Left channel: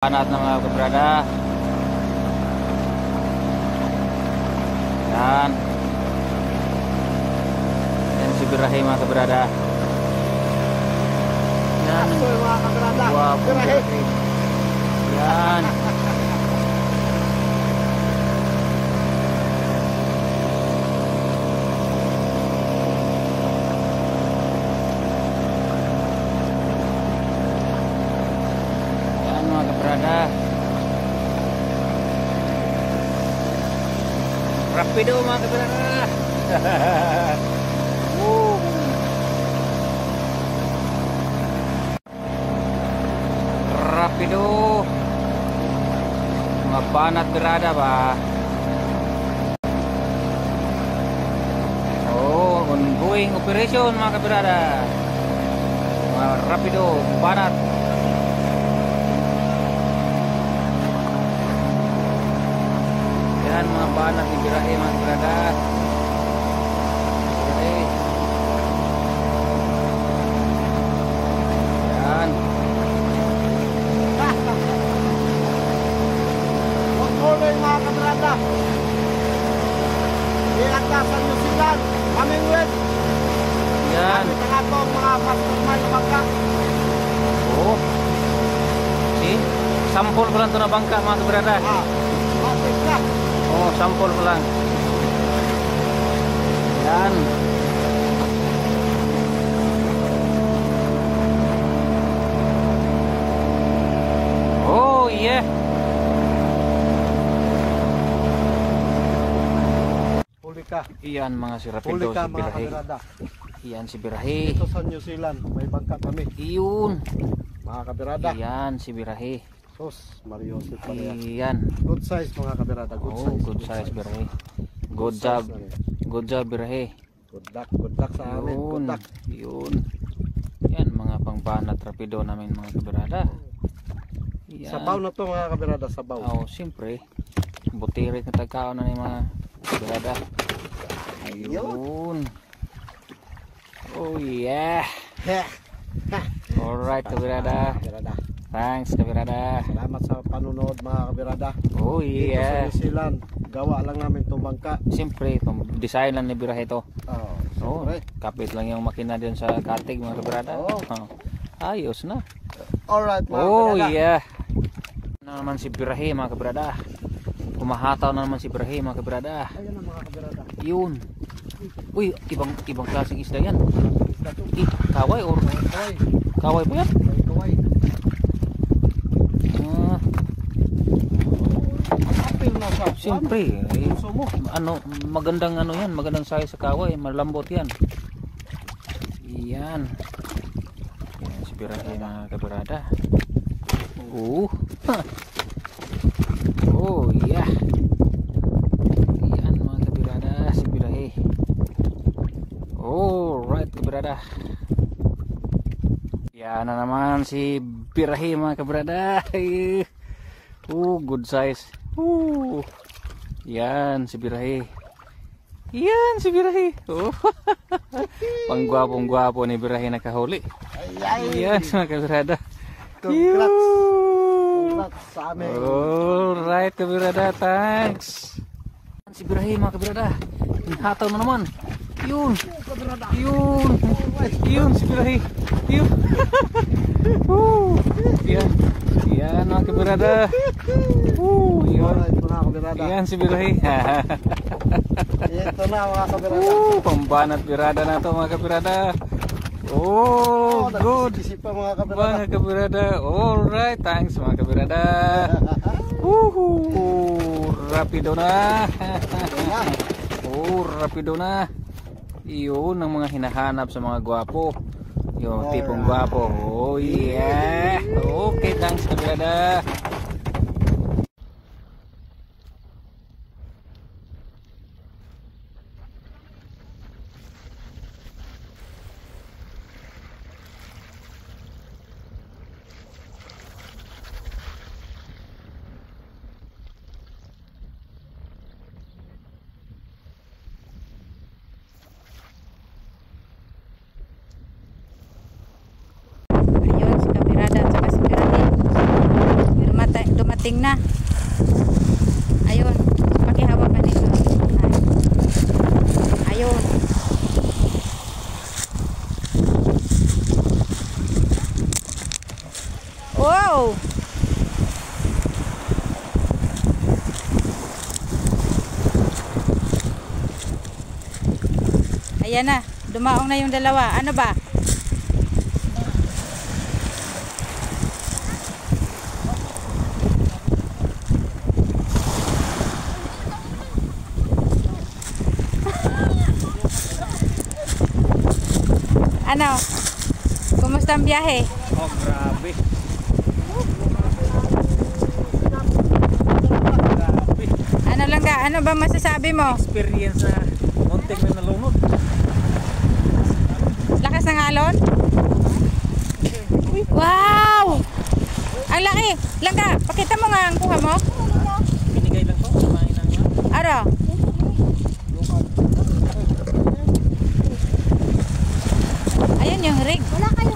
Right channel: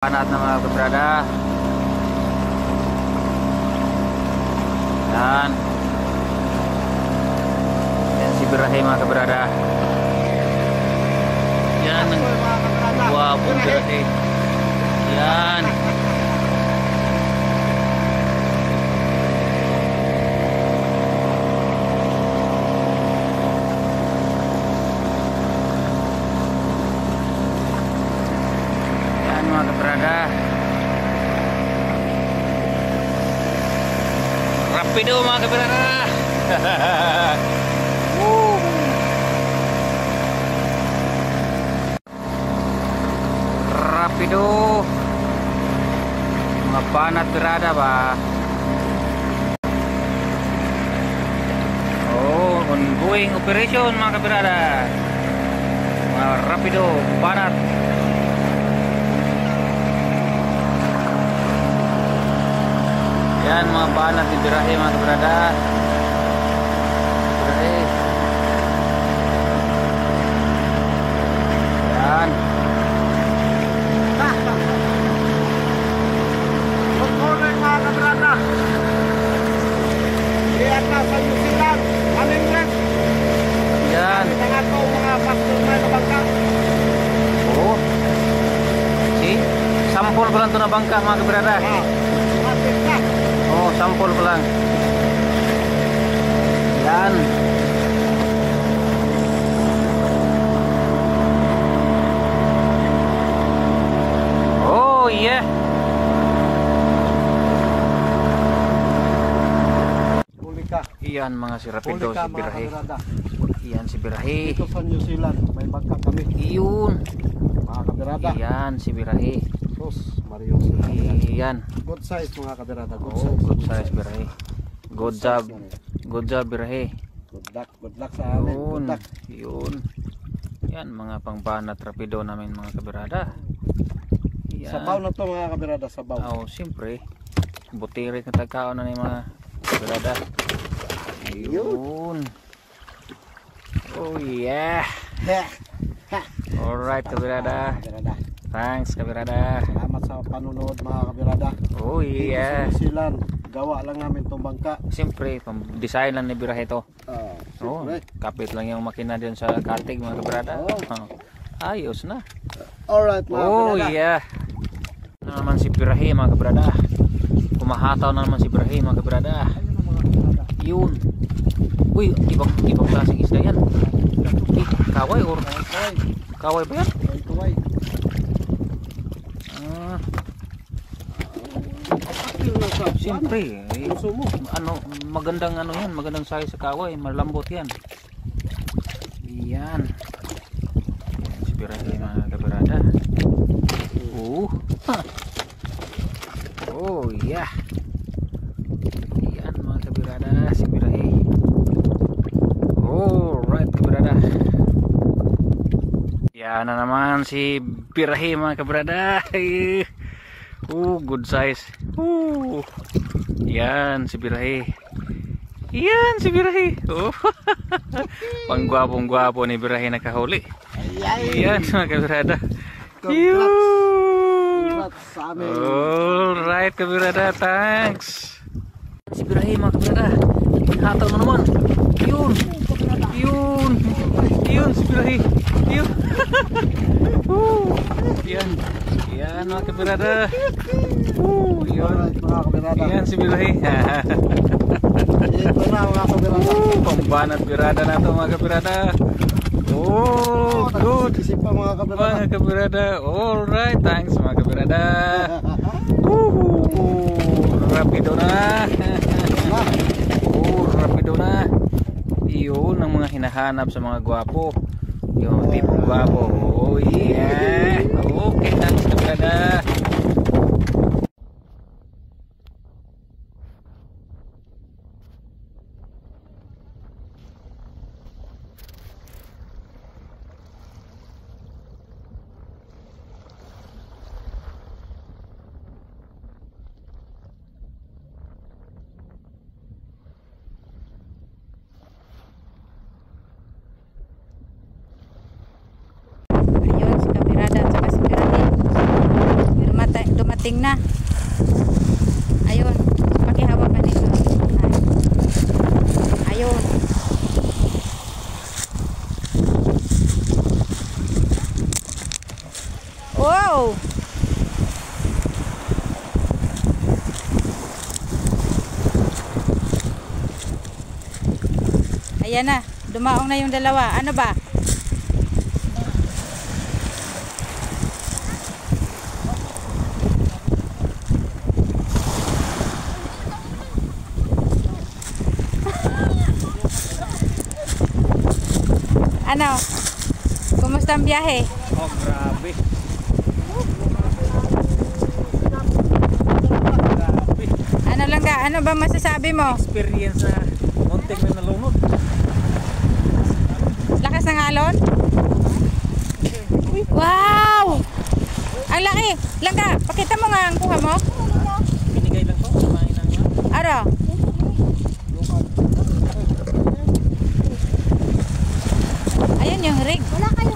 Panat na mga kabrada. Yan. Yan si Birahe mga kabrada. Yan ang guwapong Birahe. Yan. Mga kabrada, rapido mga kabrada. Rapido mga panat berada ba. Oh, ongoing operation mga kabrada. Mga rapido panat. Yan mga panat ni Birahe mga kabrada. Birahe. Yan. Good morning mga kabrada. Diyan ka sa New Zealand, Maningwit. Yan. Kita ko mga customer na bangka. Oh. Okay. Sampol ko lang ito na bangka mga kabrada. Oh, sampol ko lang. Yan. Oh, yeah. Pulika. Iyan mga si Rapido, Pulika si mga Birahe. kabrada. Iyan si Birahe. Dito sa New Zealand, may bangka kami. Iyun. Mga kabrada. Iyan si Birahe. Sus, Mario si Palian. Iyan. Good size mga kabrada. Good Oh, size. good size Birahe. Good job. Good job Birahe. Good luck sa amin. Yun. Good luck. Yun. Yan mga pangbanat Rapido namin mga kabrada. Yan. Sabaw na to mga kabrada, sabaw. Oh, siyempre. Butirit na tagkaon na ni mga kabrada. Ayun. Oh yeah. Alright kabrada. Kabrada. Thanks kabrada. Salamat sa panunod mga kabrada. Oh Dito sa yeah. New Zealand, gawa lang namin itong bangka. Siyempre, design lang ni Birahe to. Oh, siyempre. kapit lang yung makina din sa kartig mga kabrada. Oh. Ayos na. Alright mga Oh kabrada. yeah. Na naman si Birahe mga kabrada. Kumahataw na naman si Birahe mga kabrada. Yun. Uy, ibang klaseng isda yan. Kaway or kaway ba yan? Kaway. Ah, siyempre, ano, magandang ano yan, magandang size sa kaway, malambot yan. Yan. Yan si Birahe mga kabrada. Oh. Oh yeah. Yan mga kabrada, si Birahe. Oh, right kabrada. Yan na naman si Birahe mga kabrada. Oh, good size. Yan si Birahe. Yan si Birahe. Oh. Panggwapong-gwapo ni Birahe nakahuli. Yan mga kabrada. Congrats sa amin. Alright kabrada, thanks. Si Birahe mga kabrada. Hataw na naman. Yun. Yun. Yun si Birahe. Yun. Yan. Yan mga kabrada. Alright mga kabrada. Yan si Birahe. Ito na mga kabrada. Pambanat birada na to mga kabrada. Oh, good. Isip pa mga kabrada. Mga kabrada. Alright, thanks mga kabrada. Rapido na. Oh, rapido na. Iyon ang mga hinahanap sa mga gwapo. Yung tipong gwapo. Oh yeah. Okay, thanks kabrada. dumating na. Ayun. Pakihawak ka nito. Ayun. Wow! Ayan na. Dumaong na yung dalawa. Ano ba? Ano? Kumusta ang biyahe? Oh, grabe. Grabe. Ano lang ka? Ano ba masasabi mo? Experience na muntik na nalunod. Lakas ng alon? Wow! Ang laki! Langga, pakita mo nga ang kuha mo. Binigay lang to. Kumain lang yan. Aro? Ayun yung rig. Wala kayo